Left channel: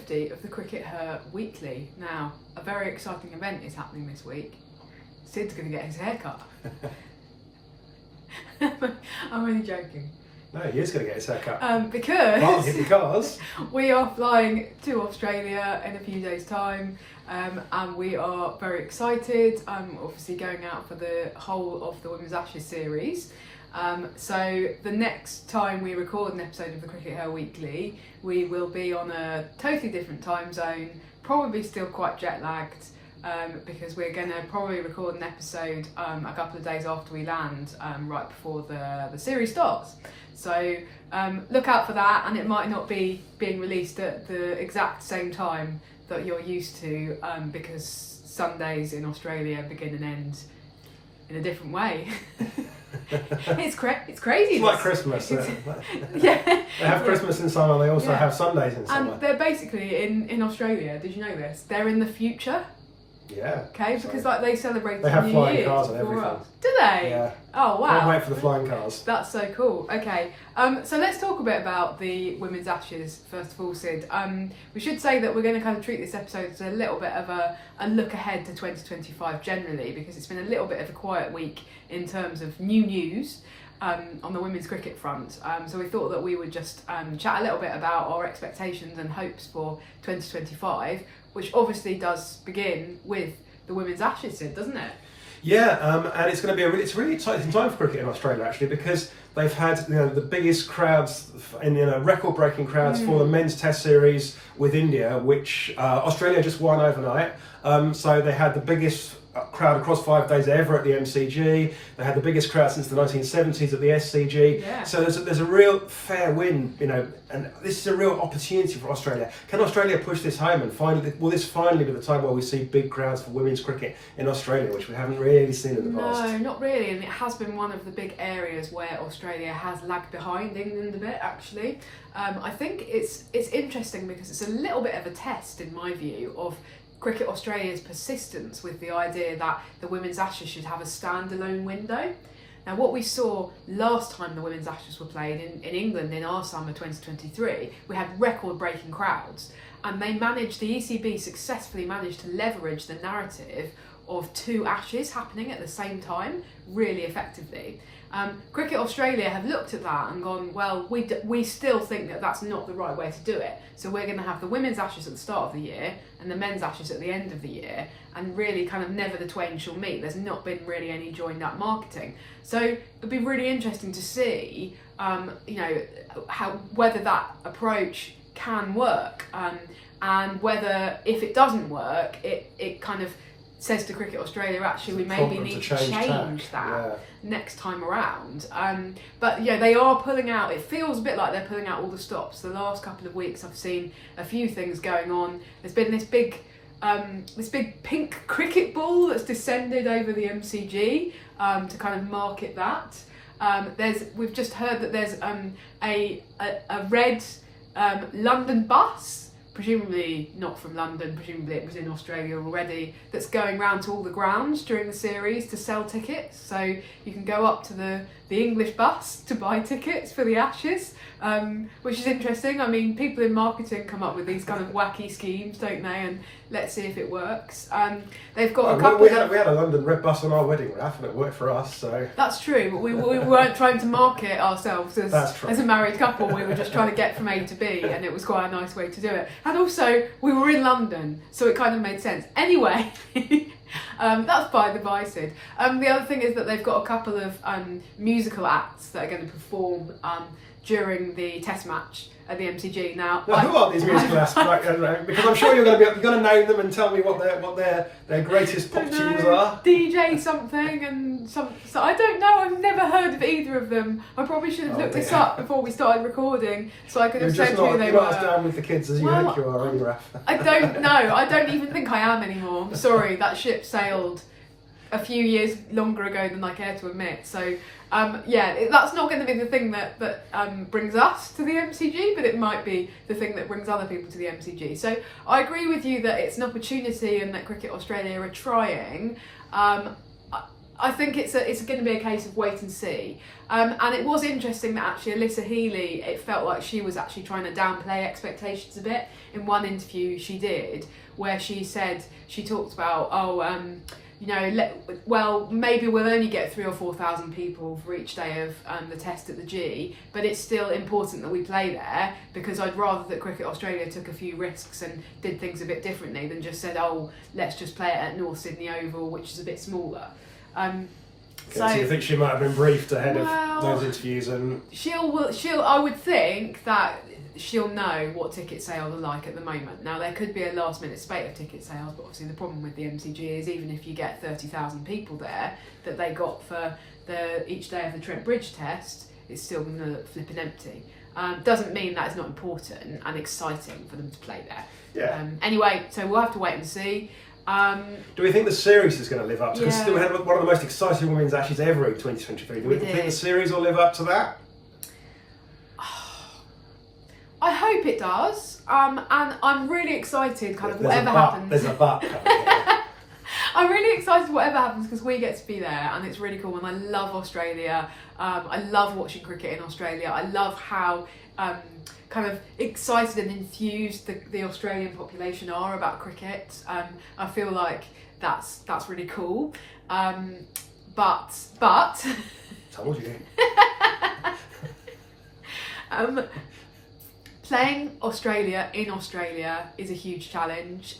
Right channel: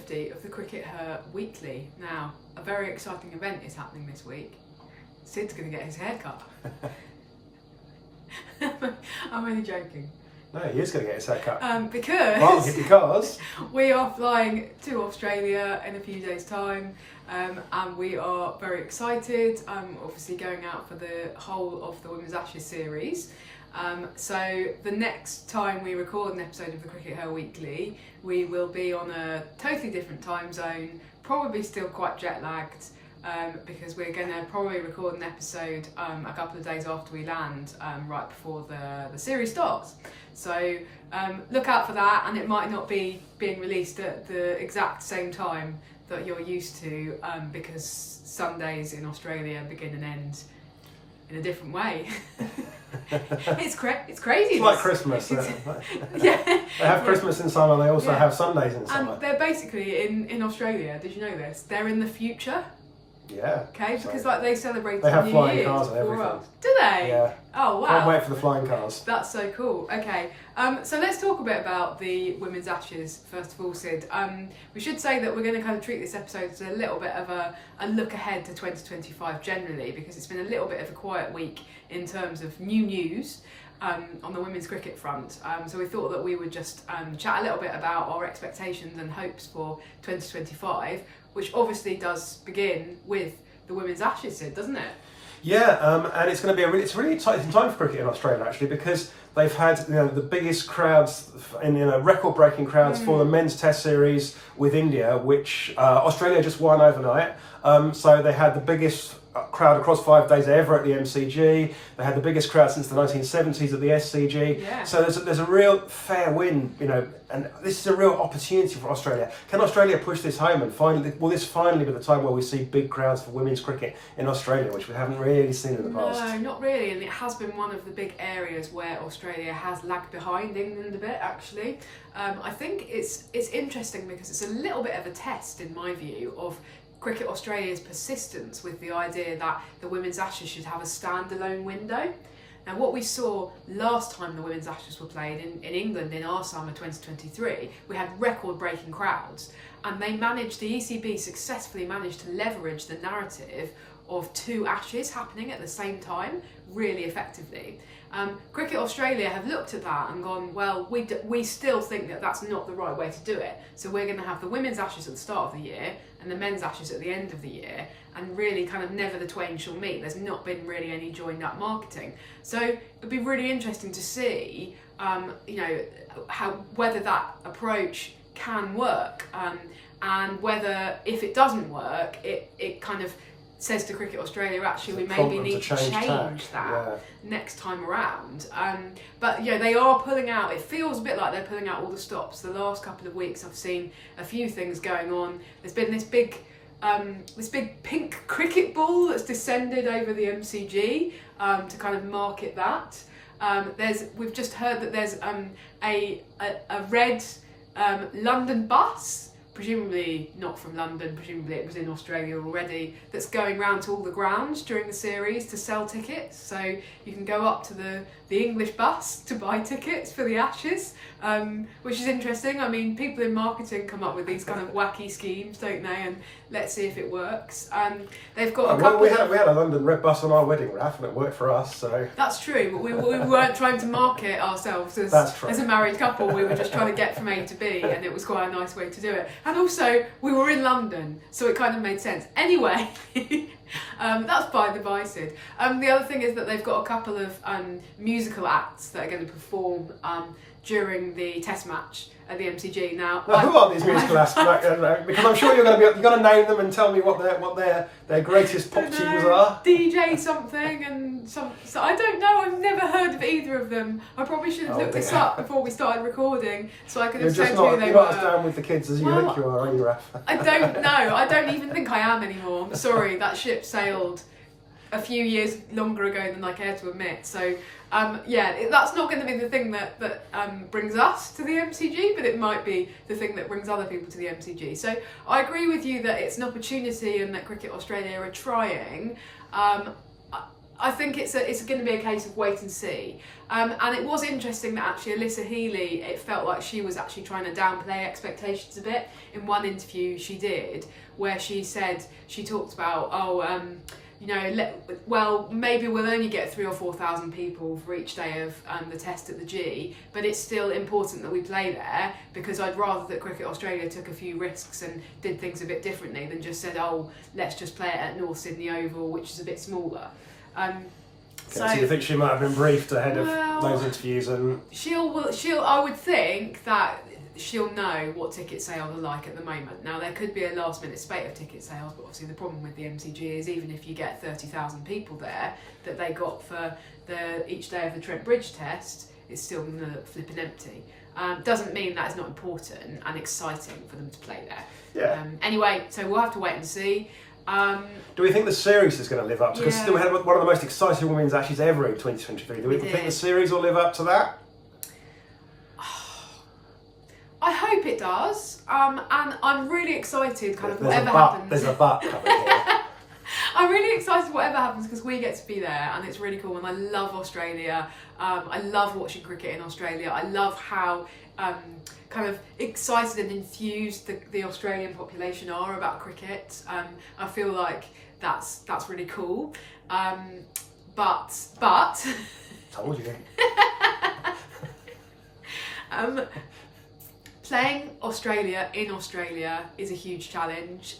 50 of the CRICKETher Weekly. Now, a very exciting event is happening this week. Sid's going to get his hair cut. I'm only joking. No, he is going to get his hair cut. Because we are flying to Australia in a few days' time, and we are very excited. Obviously going out for the whole of the Women's Ashes series. So the next time we record an episode of the CRICKETher Weekly, we will be on a totally different time zone, probably still quite jet lagged, because we're going to probably record an episode a couple of days after we land, right before the series starts. So look out for that, and it might not be being released at the exact same time that you're used to, because Sundays in Australia begin and end in a different way. It's crazy. It's like Christmas. Yeah. They have Christmas in summer, they also have Sundays in summer. And they're basically, in Australia, did you know this? They're in the future. Yeah. Okay, because like they celebrate they have New flying Year's cars and before everything. us. Do they? Yeah. Oh wow. Can't wait for the flying cars. That's so cool. Okay, so let's talk a bit about the Women's Ashes first of all, Sid. We should say that we're going to kind of treat this episode as a little bit of a look ahead to 2025 generally, because it's been a little bit of a quiet week in terms of new news on the women's cricket front. So we thought that we would just chat a little bit about our expectations and hopes for 2025, which obviously does begin with the Women's Ashes, Sid, doesn't it? Yeah, and it's going to be a really exciting time for cricket in Australia actually, because they've had the biggest crowds record-breaking crowds for the men's Test series with India, which Australia just won overnight. So they had the biggest crowd across 5 days ever at the MCG. They had the biggest crowd since the 1970s at the SCG. Yeah. So there's a real fair win, and this is a real opportunity for Australia. Can Australia push this home and will this finally be the time where we see big crowds for women's cricket in Australia, which we haven't really seen in the past? No, not really, and it has been one of the big areas where Australia has lagged behind England a bit actually. I think it's interesting because it's a little bit of a test, in my view, of Cricket Australia's persistence with the idea that the Women's Ashes should have a standalone window. Now, what we saw last time the Women's Ashes were played in England in our summer 2023, we had record-breaking crowds, and the ECB successfully managed to leverage the narrative of two Ashes happening at the same time really effectively. Cricket Australia have looked at that and gone, well, we still think that that's not the right way to do it. So we're going to have the Women's Ashes at the start of the year and the Men's Ashes at the end of the year, and really kind of never the twain shall meet. There's not been really any joined up marketing. So it'd be really interesting to see, whether that approach can work, and whether if it doesn't work, it kind of says to Cricket Australia, actually, we maybe need to change that next time around. But they are pulling out. It feels a bit like they're pulling out all the stops. The last couple of weeks, I've seen a few things going on. There's been this big pink cricket ball that's descended over the MCG to kind of market that. We've just heard that there's a red London bus, presumably not from London, presumably it was in Australia already, that's going round to all the grounds during the series to sell tickets. So you can go up to the English bus to buy tickets for the Ashes, which is interesting. I mean, people in marketing come up with these kind of wacky schemes, don't they? And let's see if it works. They've got a couple. We had a London red bus on our wedding wrap, and it worked for us. So that's true. But we weren't trying to market ourselves as a married couple. We were just trying to get from A to B, and it was quite a nice way to do it. And also, we were in London, so it kind of made sense. Anyway. That's by the by, Sid. The other thing is that they've got a couple of musical acts that are going to perform during the Test match at the MCG. Now, who are these musical acts? Because I'm sure you're going to name them and tell me what their greatest pop tunes are. DJ something and some. So I don't know. I've never heard of either of them. I probably should have looked this up before we started recording, so I could have said who they were. You're not as down with the kids as you think you are, either. I don't know. I don't even think I am anymore. I'm sorry. That ship sailed a few years longer ago than I care to admit. So. That's not going to be the thing that brings us to the MCG, but it might be the thing that brings other people to the MCG. So I agree with you that it's an opportunity and that Cricket Australia are trying. I think it's going to be a case of wait and see. And it was interesting that actually Alyssa Healy, it felt like she was actually trying to downplay expectations a bit in one interview she did, where she talked about, maybe we'll only get 3,000 or 4,000 people for each day of the test at the G, but it's still important that we play there, because I'd rather that Cricket Australia took a few risks and did things a bit differently than just said, oh, let's just play it at North Sydney Oval, which is a bit smaller. So you think she might have been briefed ahead of those interviews? And I would think that she'll know what ticket sales are like at the moment. Now, there could be a last minute spate of ticket sales, but obviously the problem with the MCG is even if you get 30,000 people there that they got for each day of the Trent Bridge test, it's still going to look flipping empty. Doesn't mean that it's not important and exciting for them to play there. Yeah. Anyway, so we'll have to wait and see. Do we think the series is going to live up to? Because we had one of the most exciting women's Ashes ever in 2023. Do we think the series will live up to that? I hope it does. And I'm really excited. Whatever happens. There's a but. I'm really excited whatever happens because we get to be there and it's really cool. And I love Australia. I love watching cricket in Australia. I love how kind of excited and enthused the Australian population are about cricket. I feel like that's really cool. But told you. Playing Australia in Australia is a huge challenge.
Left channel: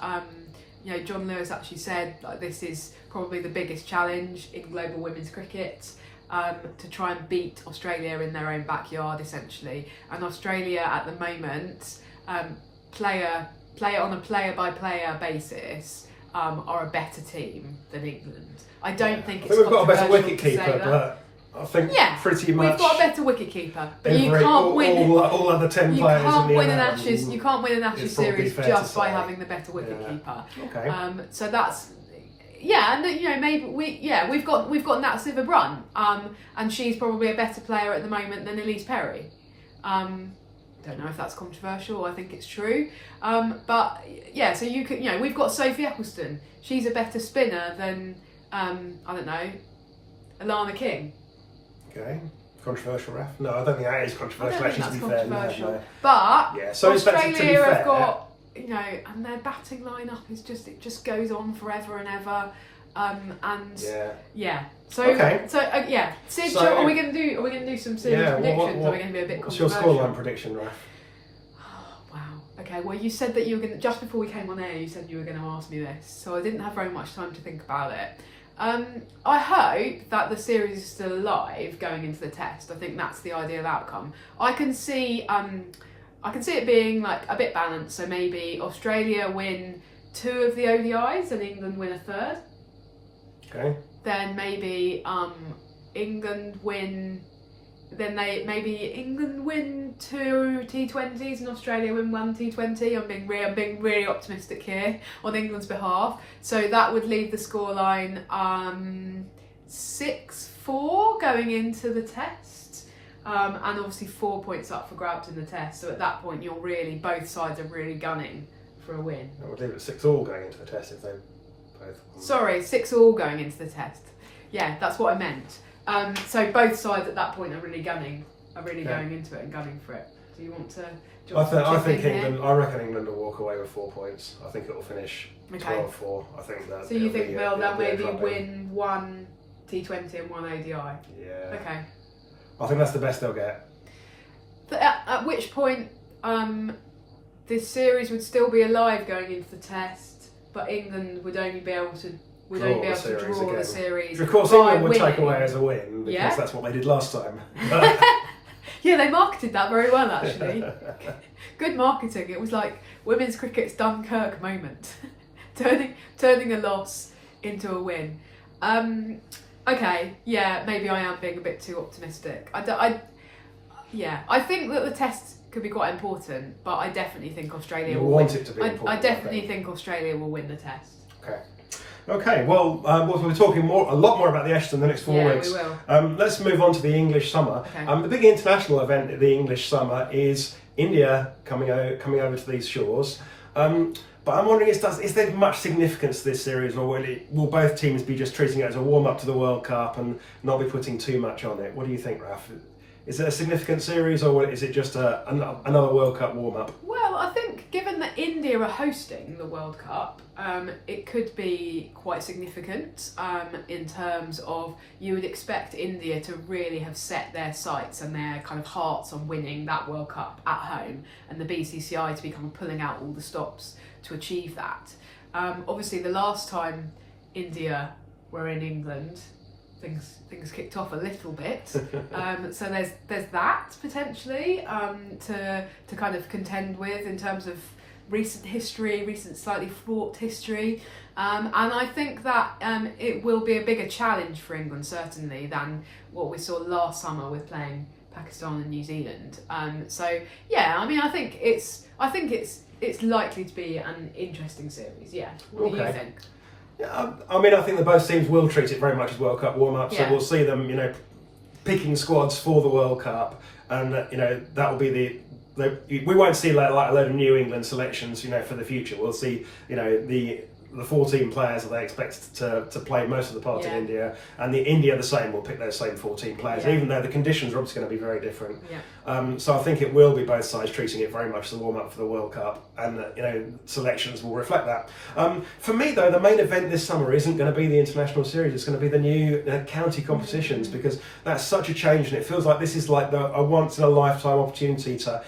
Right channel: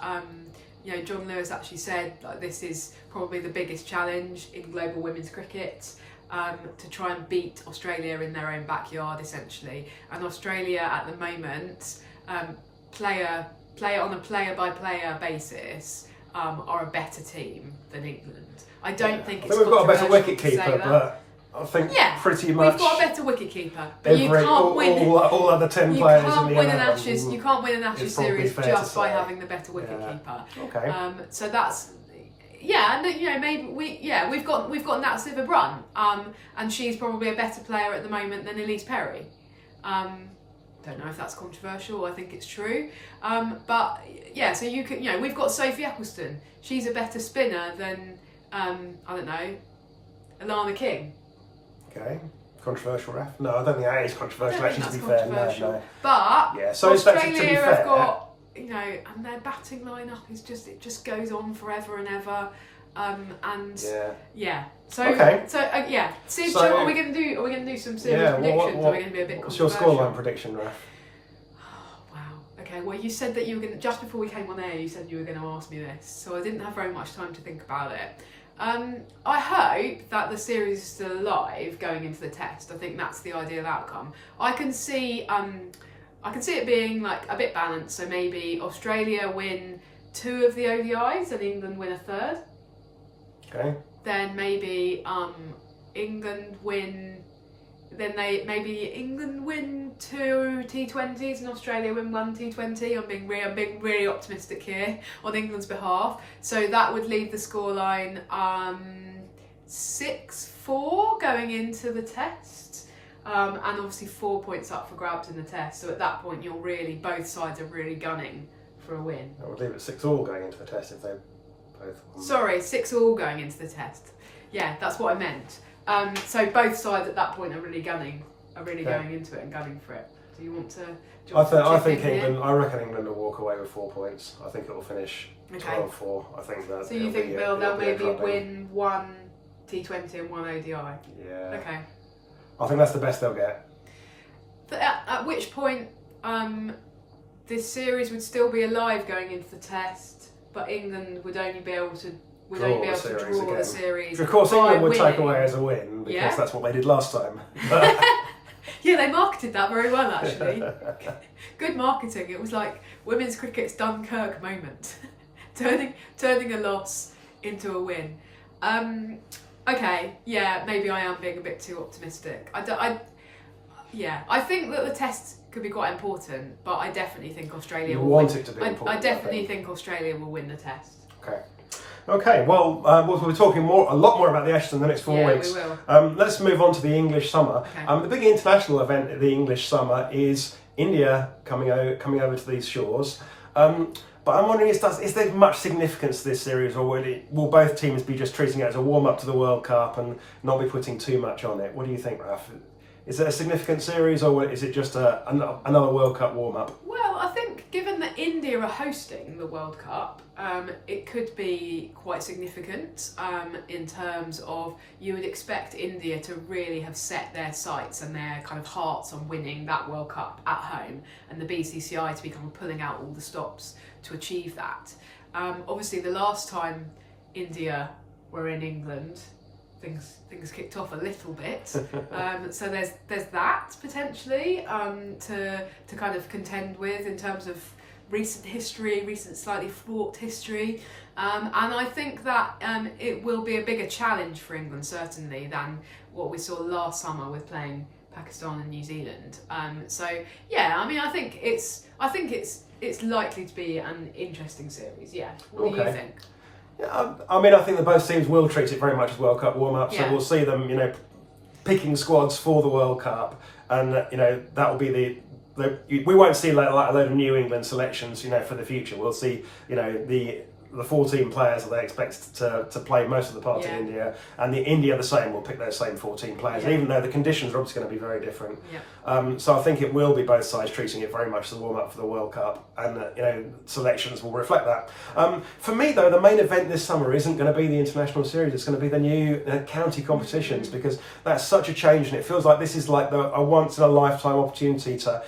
John Lewis actually said this is probably the biggest challenge in global women's cricket. To try and beat Australia in their own backyard, essentially. And Australia at the moment, play on a player-by-player basis, are a better team than England. I don't think it's we've got a better wicketkeeper, but I think pretty much we've got a better wicketkeeper. But you can't win all other 10 players. You can't win an Ashes series just by having the better wicketkeeper. Okay. So that's. Yeah, and maybe we've got Nat Sciver-Brunt, and she's probably a better player at the moment than Elise Perry. Don't know if that's controversial. I think it's true. But yeah, so you can we've got Sophie Eccleston. She's a better spinner than I don't know, Alana King. Okay, controversial, Raf? No, I don't think that is controversial. I don't think that's controversial. No. But yeah, so Australia have got. And their batting lineup is just goes on forever and ever, So Sid, are we going to do some serious predictions? Are we going to be a bit controversial? What's your scoreline prediction, Raf? Oh, wow. Okay. Well, you said that you were going to, just before we came on air, you said you were going to ask me this, so I didn't have very much time to think about it. I hope that the series is still alive going into the test. I think that's the ideal outcome. I can see it being like a bit balanced, so maybe Australia win 2 of the ODIs and England win a 3rd. Okay. Then maybe England win 2 T20s and Australia win 1 T20. I'm being really optimistic here on England's behalf. So that would leave the scoreline 6-4 going into the test. And obviously 4 points up for grabs in the test. So at that point, both sides are really gunning for a win. I would leave it 6-all going into the test if they both won. Sorry, 6-all going into the test. Yeah, that's what I meant. So both sides at that point are really going into it and gunning for it. Do you want to? I think England. I reckon England will walk away with 4 points. I think it will finish 12-4. I think that. So you think they'll maybe win 1 T20 and 1 ODI? Yeah. Okay. I think that's the best they'll get. But at which point, this series would still be alive going into the test, but England would only be able to draw the series. Of course, England would take away as a win because that's what they did last time. Yeah, they marketed that very well actually. Good marketing. It was like women's cricket's Dunkirk moment, turning a loss into a win. Okay, yeah, maybe I am being a bit too optimistic. I think that the test could be quite important, but I definitely think Australia will win. It to be important, I definitely think Australia will win the test. Okay. Well, we'll be talking a lot more about the Ashes in the next 4 weeks. Yeah, we will. Let's move on to the English summer. Okay. The big international event of the English summer is India coming over to these shores. But But I'm wondering, is there much significance to this series, or will both teams be just treating it as a warm-up to the World Cup and not be putting too much on it? What do you think, Raf? Is it a significant series, or is it just another World Cup warm-up? Well, I think given that India are hosting the World Cup, it could be quite significant in terms of you would expect India to really have set their sights and their kind of hearts on winning that World Cup at home, and the BCCI to be kind of pulling out all the stops to achieve that. Obviously, the last time India were in England, things kicked off a little bit, so there's that potentially to kind of contend with in terms of recent slightly fraught history, and I think that it will be a bigger challenge for England certainly than what we saw last summer with playing Pakistan and New Zealand. So yeah, I mean, I think it's likely to be an interesting series. Yeah, what do you think? I mean, I think that both teams will treat it very much as World Cup warm-up, so we'll see them, picking squads for the World Cup, and that will be we won't see like a load of New England selections, for the future. We'll see, the 14 players that they expect to play most of the parts in India, and India the same will pick those same 14 players, even though the conditions are obviously going to be very different. So I think it will be both sides treating it very much as a warm-up for the World Cup, and selections will reflect that. For me though, the main event this summer isn't going to be the international series, it's going to be the new county competitions, because that's such a change, and it feels like this is like a once-in-a-lifetime opportunity to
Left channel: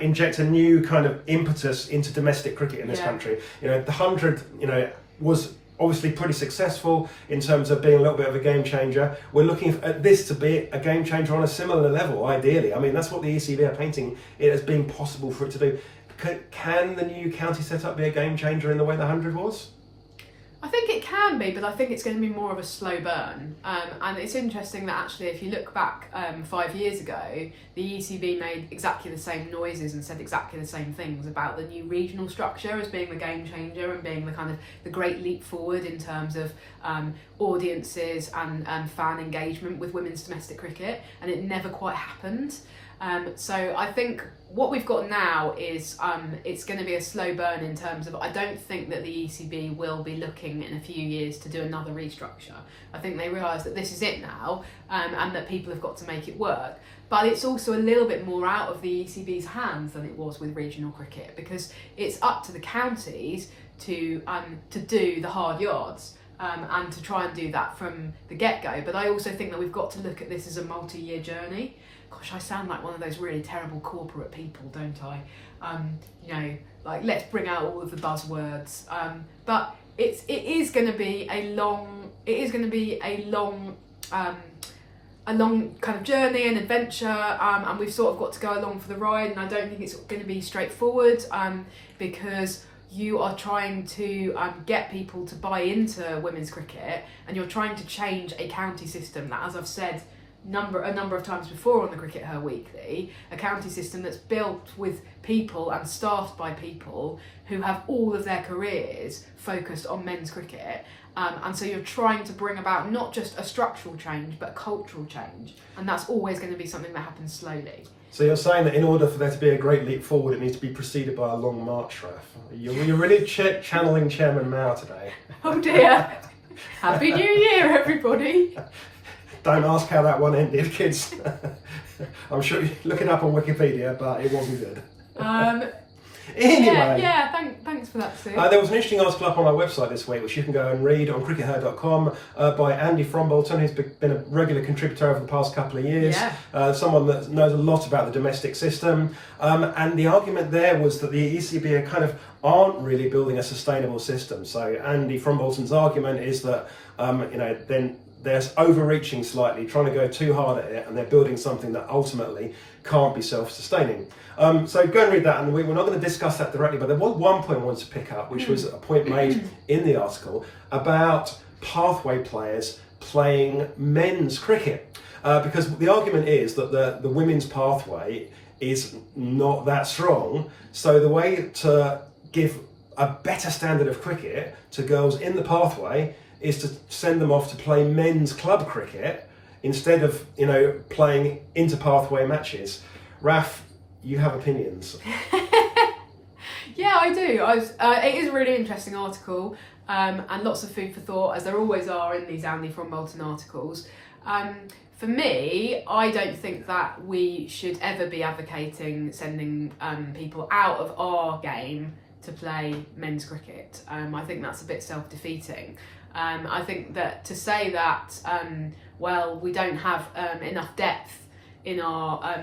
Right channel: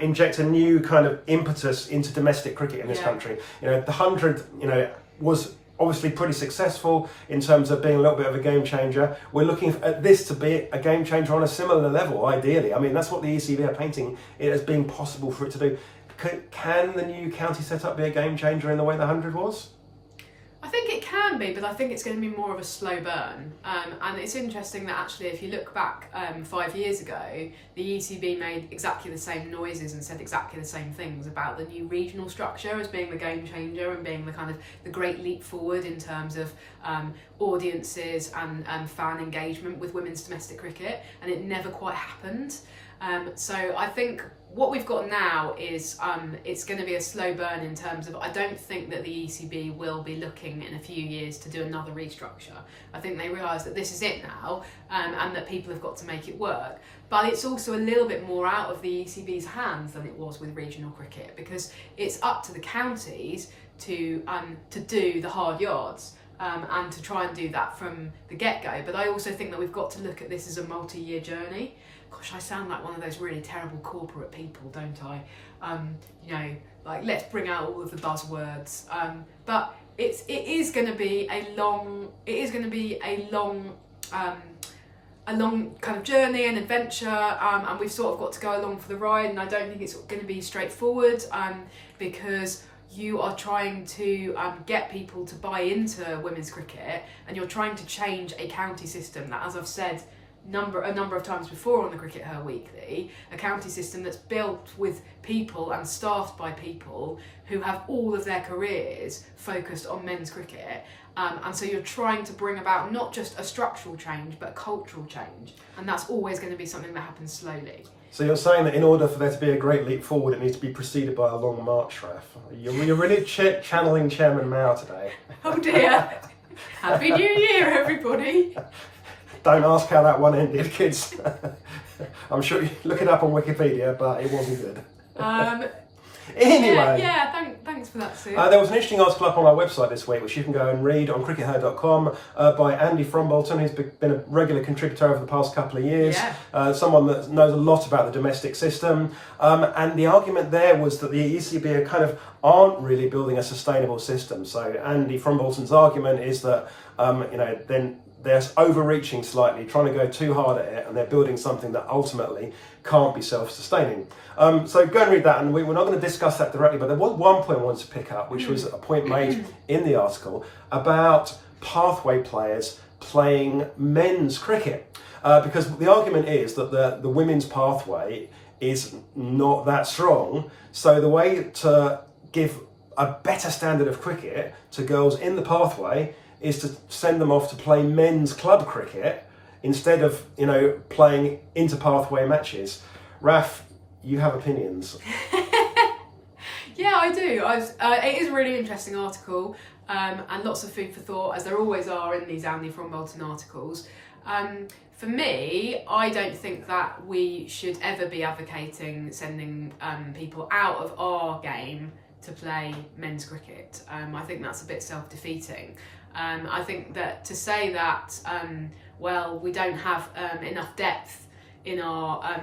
inject a new kind of impetus into domestic cricket in this country. The 100 was obviously pretty successful in terms of being a little bit of a game changer. We're looking at this to be a game changer on a similar level, ideally. I mean, that's what the ECB are painting it as being possible for it to do. Can the new county setup be a game changer in the way the 100 was? I think it can be, but I think it's going to be more of a slow burn. And it's interesting that actually, if you look back 5 years ago, the ECB made exactly the same noises and said exactly the same things about the new regional structure as being the game changer and being the kind of the great leap forward in terms of audiences and fan engagement with women's domestic cricket, and it never quite happened. So I think what we've got now is it's going to be a slow burn in terms of, I don't think that the ECB will be looking in a few years to do another restructure. I think they realise that this is it now, and that people have got to make it work. But it's also a little bit more out of the ECB's hands than it was with regional cricket, because it's up to the counties to do the hard yards. And to try and do that from the get-go. But I also think that we've got to look at this as a multi-year journey. Gosh, I sound like one of those really terrible corporate people, don't I? Like, let's bring out all of the buzzwords. But it is going to be a long kind of journey and adventure, and we've sort of got to go along for the ride. And I don't think it's going to be straightforward, because you are trying to get people to buy into women's cricket, and you're trying to change a county system that, as I've said a number of times before on the CRICKETher Weekly, a county system that's built with people and staffed by people who have all of their careers focused on men's cricket. And so you're trying to bring about not just a structural change, but a cultural change. And that's always going to be something that happens slowly. So you're saying that in order for there to be a great leap forward, it needs to be preceded by a long march, Raf. You're really channeling Chairman Mao today. Oh dear. Happy New Year, everybody. Don't ask how that one ended, kids. I'm sure you look it up on Wikipedia, but it wasn't good. Anyway. Thanks for that, Sue. There was an interesting article up on our website this week, which you can go and read on crickether.com, by Andy Frombolton, who's been a regular contributor over the past couple of years. Someone that knows a lot about the domestic system. And the argument there was that the ECB aren't really building a sustainable system. So Andy Frombolton's argument is that then they're overreaching slightly, trying to go too hard at it, and they're building something that ultimately can't be self-sustaining. So go and read that, and we're not going to discuss that directly, but there was one point I wanted to pick up, which was a point made in the article about pathway players playing men's cricket. Because the argument is that the women's pathway is not that strong, so the way to give a better standard of cricket to girls in the pathway is to send them off to play men's club cricket instead of, playing inter-pathway matches. Raf, you have opinions. Yeah, I do. It is a really interesting article, and lots of food for thought, as there always are in these Andy from Bolton articles. For me, I don't think that we should ever be advocating sending people out of our game to play men's cricket. I think that's a bit self-defeating. I think that to say that, well, we don't have enough depth in our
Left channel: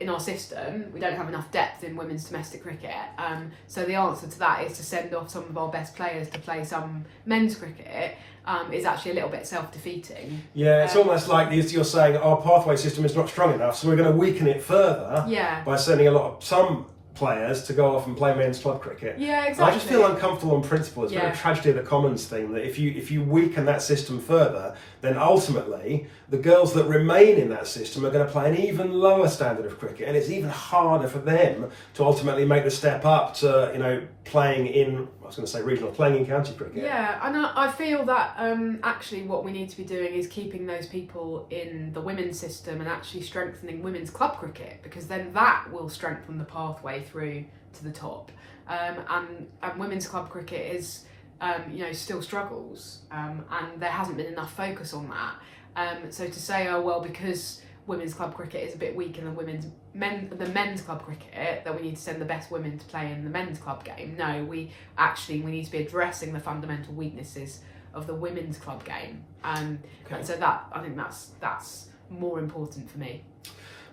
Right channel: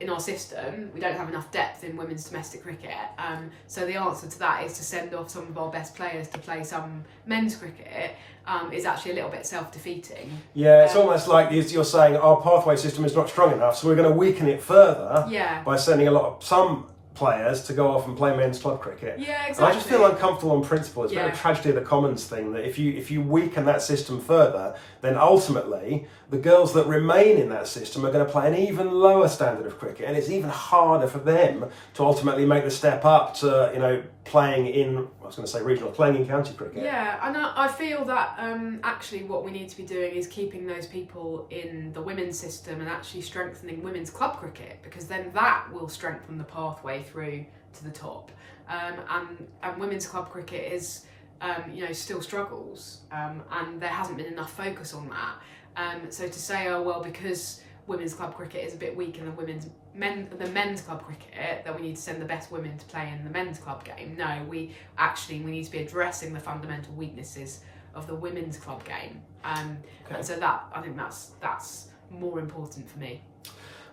in our system, we don't have enough depth in women's domestic cricket. So the answer to that is to send off some of our best players to play some men's cricket. Is actually a little bit self-defeating. Yeah, it's almost like you're saying our pathway system is not strong enough, so we're going to weaken it further by sending some players to go off and play men's club cricket. Yeah, exactly. And I just feel uncomfortable on principle. It's a bit of a tragedy of the commons thing that if you weaken that system further, then ultimately the girls that remain in that system are going to play an even lower standard of cricket, and it's even harder for them to ultimately make the step up to playing in, I was going to say regional, playing in county cricket. Yeah, and I feel that actually what we need to be doing is keeping those people in the women's system and actually strengthening women's club cricket, because then that will strengthen the pathway through to the top. And women's club cricket is still struggles, and there hasn't been enough focus on that. So to say, oh well, because women's club cricket is a bit weaker than the men's club cricket, that we need to send the best women to play in the men's club game. No, we need to be addressing the fundamental weaknesses of the women's club game. And so that, I think that's more important for me.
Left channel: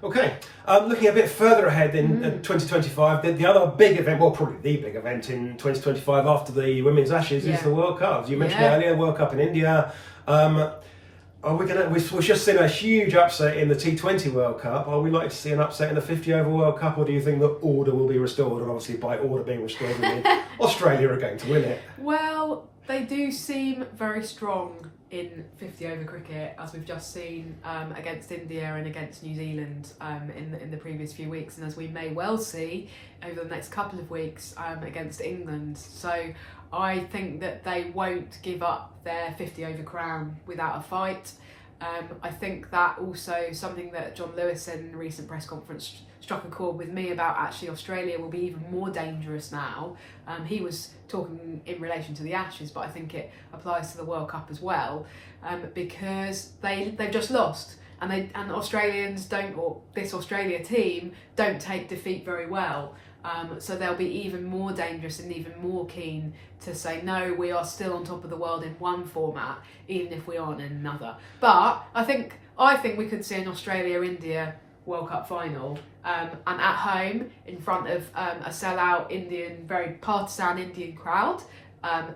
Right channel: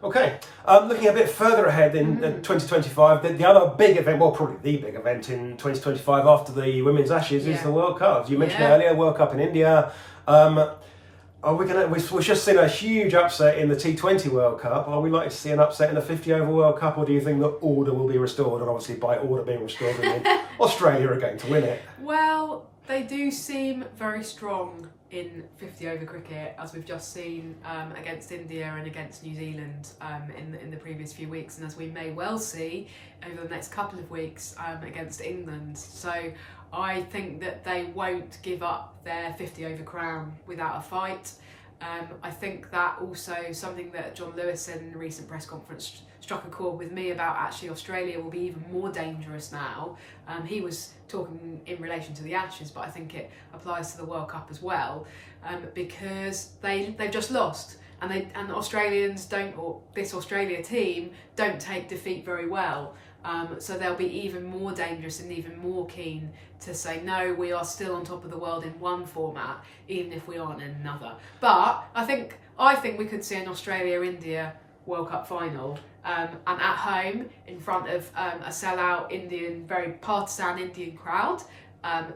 Okay, looking a bit further ahead in 2025, the other big event, well, probably the big event in 2025 after the Women's Ashes is the World Cup. You mentioned it earlier, World Cup in India. We've just seen a huge upset in the T20 World Cup. Are we likely to see an upset in the 50 over World Cup, or do you think that order will be restored? And obviously, by order being restored, Australia are going to win it. Well, they do seem very strong in 50 over cricket, as we've just seen against India and against New Zealand in the previous few weeks, and as we may well see over the next couple of weeks against England. So I think that they won't give up their 50 over crown without a fight. I think that also something that John Lewis said in a recent press conference struck a chord with me about. Actually, Australia will be even more dangerous now. He was talking in relation to the Ashes, but I think it applies to the World Cup as well, because they've just lost, and Australians don't, or this Australia team don't take defeat very well. So they'll be even more dangerous and even more keen to say, no, we are still on top of the world in one format, even if we aren't in another. But I think we could see an Australia-India World Cup final, and at home in front of a sellout Indian, very partisan Indian crowd.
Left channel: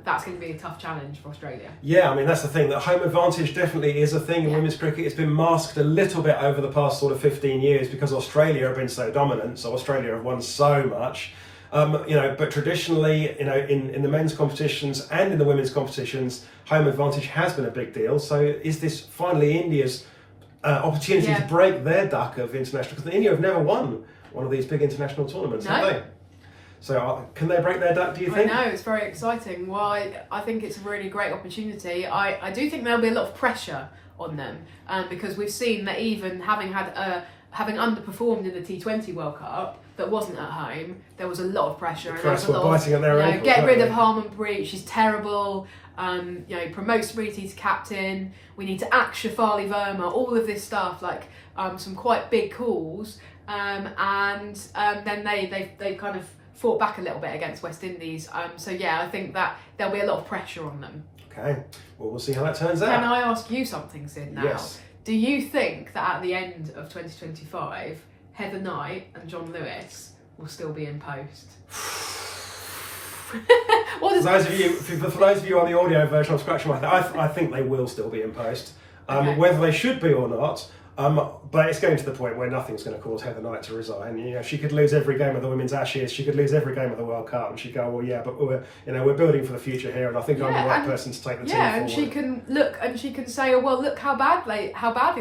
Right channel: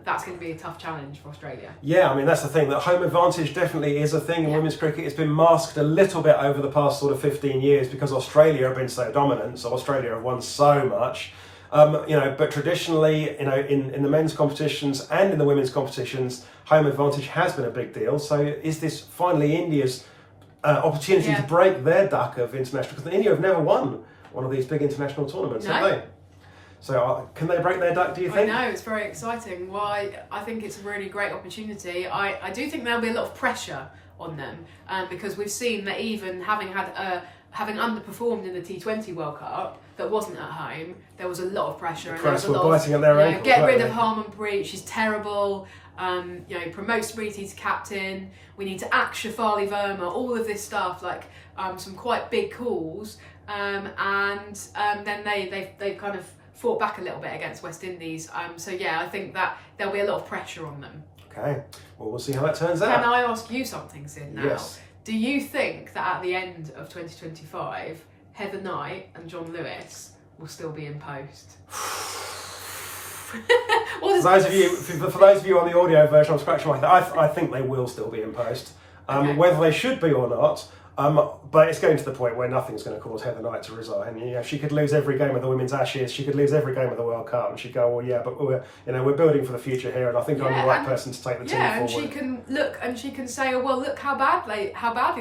That's going to be a tough challenge for Australia. Yeah, I mean, that's the thing, that home advantage definitely is a thing in women's cricket. It's been masked a little bit over the past sort of 15 years because Australia have been so dominant, so Australia have won so much. But traditionally, in the men's competitions and in the women's competitions, home advantage has been a big deal. So is this finally India's opportunity to break their duck of international? Because India have never won one of these big international tournaments, have they? So can they break their duck, do you think? I know, it's very exciting. Well, I think it's a really great opportunity. I do think there'll be a lot of pressure on them, because we've seen that even having underperformed in the T20 World Cup that wasn't at home, there was a lot of pressure. The press were biting at their ankles. Get rid of Harmanpreet, she's terrible. Promote Smriti to captain. We need to axe Shafali Verma. All of this stuff, some quite big calls, and then they kind of fought back a little bit against West Indies. I think that there'll be a lot of pressure on them. Okay, well, we'll see how that turns out. Can I ask you something, Sid, now? Yes. Do you think that at the end of 2025, Heather Knight and John Lewis will still be in post? For those of you on the audio version, I'm scratching my head. I think they will still be in post. Whether they should be or not, but it's getting to the point where nothing's going to cause Heather Knight to resign. She could lose every game of the Women's Ashes, she could lose every game of the World Cup, and she'd go, well, yeah, but we're building for the future here, and I think I'm the right person to take the team forward. Yeah, and she can look and she can say, oh well, look how badly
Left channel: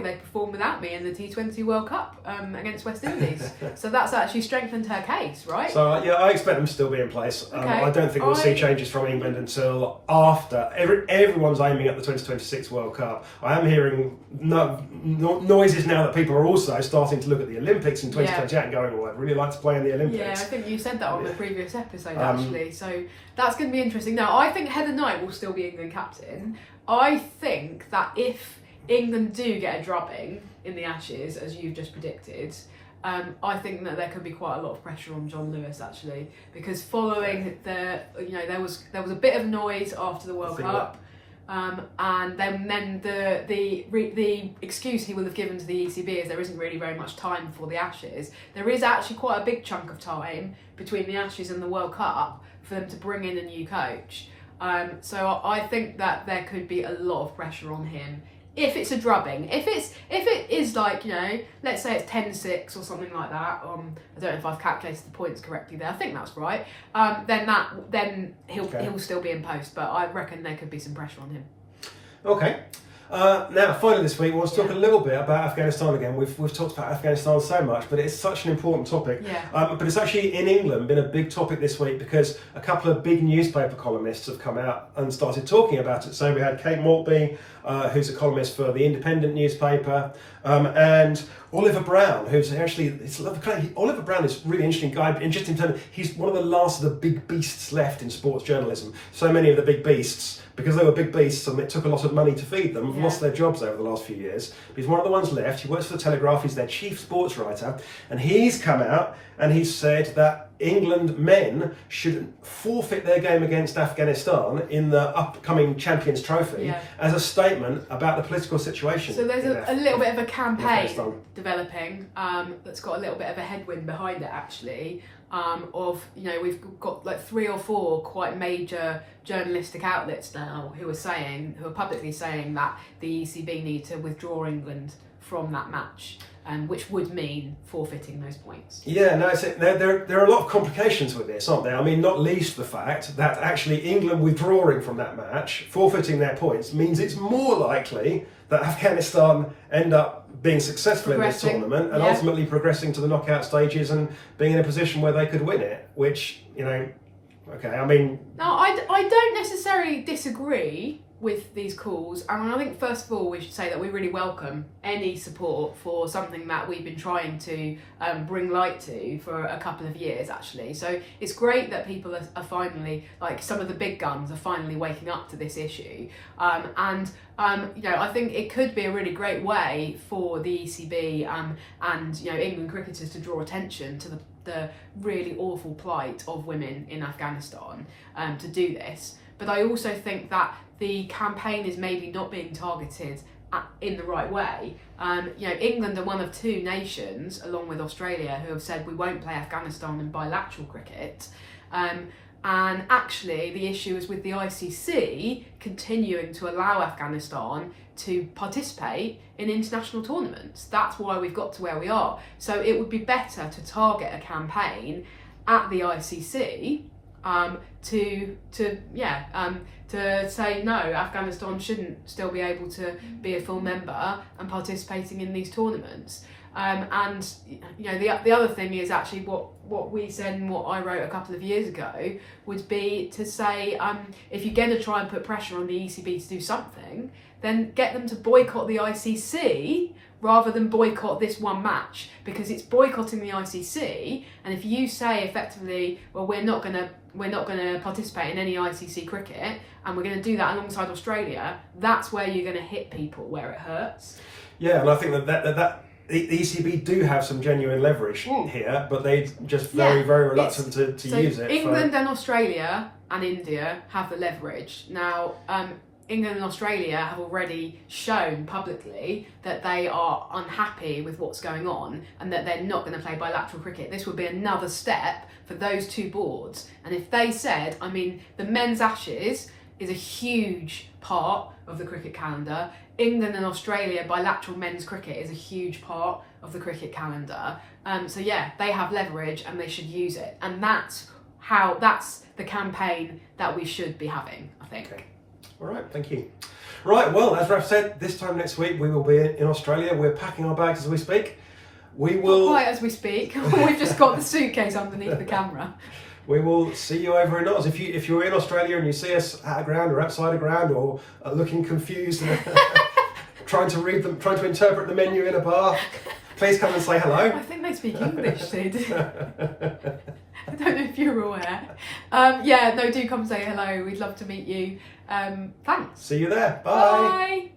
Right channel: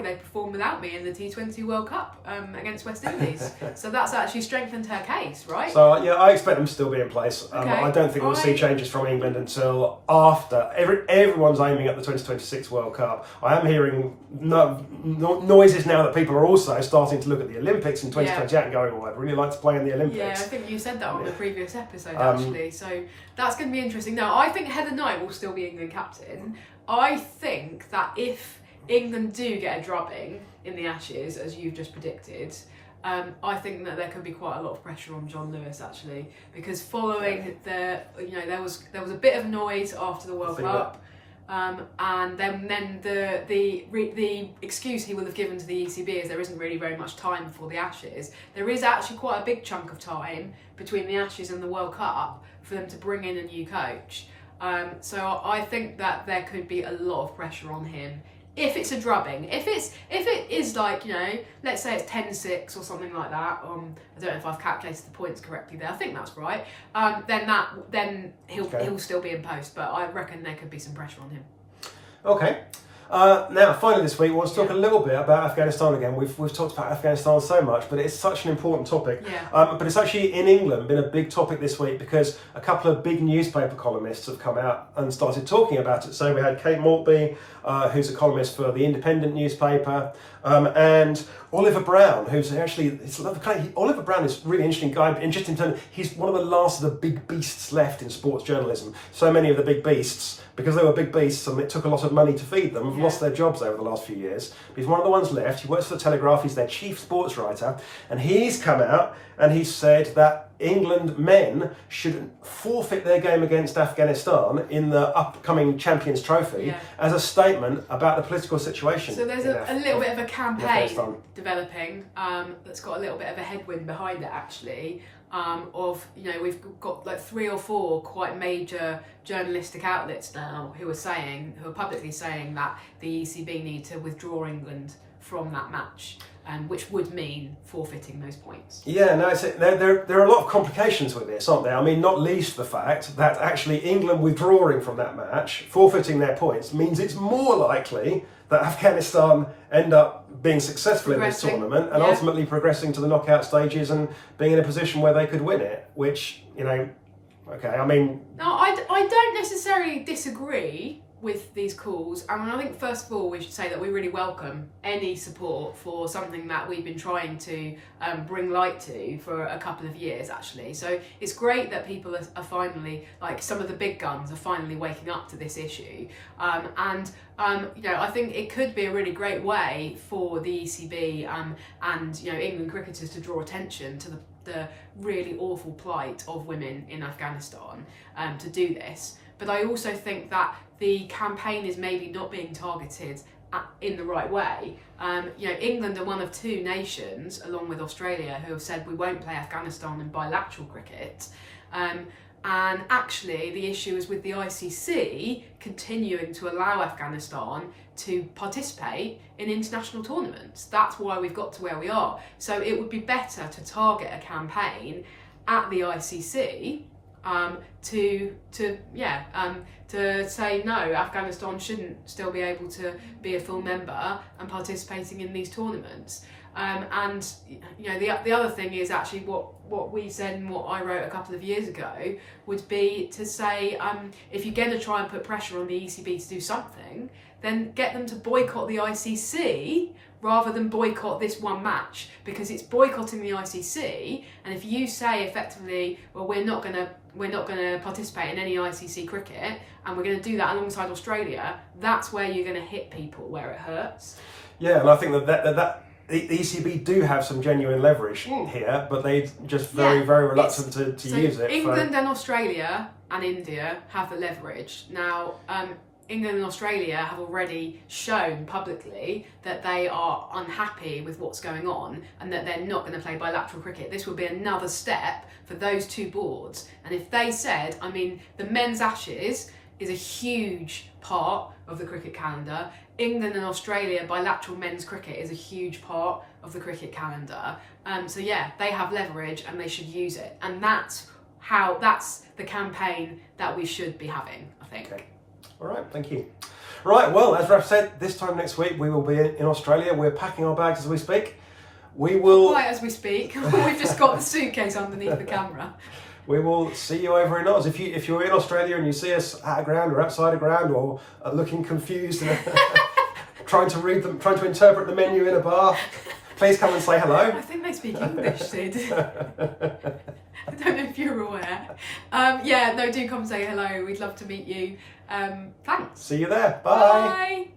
they performed without me in the T20 World Cup against West Indies. So that's actually strengthened her case, right? So I expect them to still be in place. I don't think we'll see changes from England until after everyone's aiming at the 2026 World Cup. I am hearing noise noise is now that people are also starting to look at the Olympics in 2028 and going, well, I'd really like to play in the Olympics. Yeah, I think you said that on the previous episode, actually. So that's going to be interesting. Now, I think Heather Knight will still be England captain. I think that if England do get a drubbing in the Ashes, as you've just predicted, I think that there could be quite a lot of pressure on John Lewis, actually, because following there was a bit of noise after the World Cup. And then the excuse he will have given to the ECB is there isn't really very much time before the Ashes. There is actually quite a big chunk of time between the Ashes and the World Cup for them to bring in a new coach. So I think that there could be a lot of pressure on him if it's a drubbing. If it is like, let's say it's 10-6 or something like that. I don't know if I've calculated the points correctly there. I think that's right. Then he'll still be in post, but I reckon there could be some pressure on him. Okay. Now, finally this week, we want to talk a little bit about Afghanistan again. We've talked about Afghanistan so much, but it's such an important topic. Yeah. But it's actually, in England, been a big topic this week because a couple of big newspaper columnists have come out and started talking about it. So we had Kate Maltby, who's a columnist for the Independent newspaper, and Oliver Brown, who's actually, Oliver Brown is a really interesting guy, and just in terms, he's one of the last of the big beasts left in sports journalism. So many of the big beasts, because they were big beasts and it took a lot of money to feed them, have lost their jobs over the last few years. But he's one of the ones left. He works for the Telegraph, he's their chief sports writer, and he's come out and he's said that England men should forfeit their game against Afghanistan in the upcoming Champions Trophy as a statement about the political situation. So there's a little bit of a campaign developing that's got a little bit of a headwind behind it, actually. We've got like 3 or 4 quite major journalistic outlets now who are publicly saying that the ECB need to withdraw England from that match, which would mean forfeiting those points. Yeah, no, there are a lot of complications with this, aren't there? I mean, not least the fact that actually England withdrawing from that match, forfeiting their points, means it's more likely that Afghanistan end up being successful in this tournament and ultimately progressing to the knockout stages and being in a position where they could win it, which, okay, I mean... No, I don't necessarily disagree with these calls, and I think first of all we should say that we really welcome any support for something that we've been trying to bring light to for a couple of years, actually. So it's great that people are finally, like some of the big guns are finally waking up to this issue, I think it could be a really great way for the ECB and England cricketers to draw attention to the really awful plight of women in Afghanistan to do this. But I also think that the campaign is maybe not being targeted in the right way. England are one of 2 nations, along with Australia, who have said we won't play Afghanistan in bilateral cricket. And actually, the issue is with the ICC continuing to allow Afghanistan to participate in international tournaments. That's why we've got to where we are. So it would be better to target a campaign at the ICC to say no, Afghanistan shouldn't still be able to be a full member and participating in these tournaments. The other thing is actually what we said and what I wrote a couple of years ago would be to say if you're going to try and put pressure on the ECB to do something, then get them to boycott the ICC rather than boycott this one match, because it's boycotting the ICC. And if you say effectively, well, we're not going to participate in any ICC cricket, and we're going to do that alongside Australia, that's where you're going to hit people where it hurts. Yeah, and I think that the ECB do have some genuine leverage here, but they're just very reluctant to use it. England and Australia and India have the leverage. Now, England and Australia have already shown publicly that they are unhappy with what's going on and that they're not going to play bilateral cricket. This would be another step for those 2 boards. And if they said, the men's Ashes is a huge part of the cricket calendar. England and Australia bilateral men's cricket is a huge part of the cricket calendar. They have leverage and they should use it. And that's the campaign that we should be having, I think. Okay. All right, thank you. Right, well, as Raf said, this time next week we will be in Australia. We're packing our bags as we speak. We will... Not quite as we speak. We've just got the suitcase underneath the camera. We will see you over in Oz. If you're in Australia and you see us at a ground or outside a ground or looking confused, trying to read them, trying to interpret the menu in a bar, please come and say hello. I think they speak English, Sid. I don't know if you're aware. Yeah, no, do come say hello. We'd love to meet you. Thanks. See you there. Bye. Bye.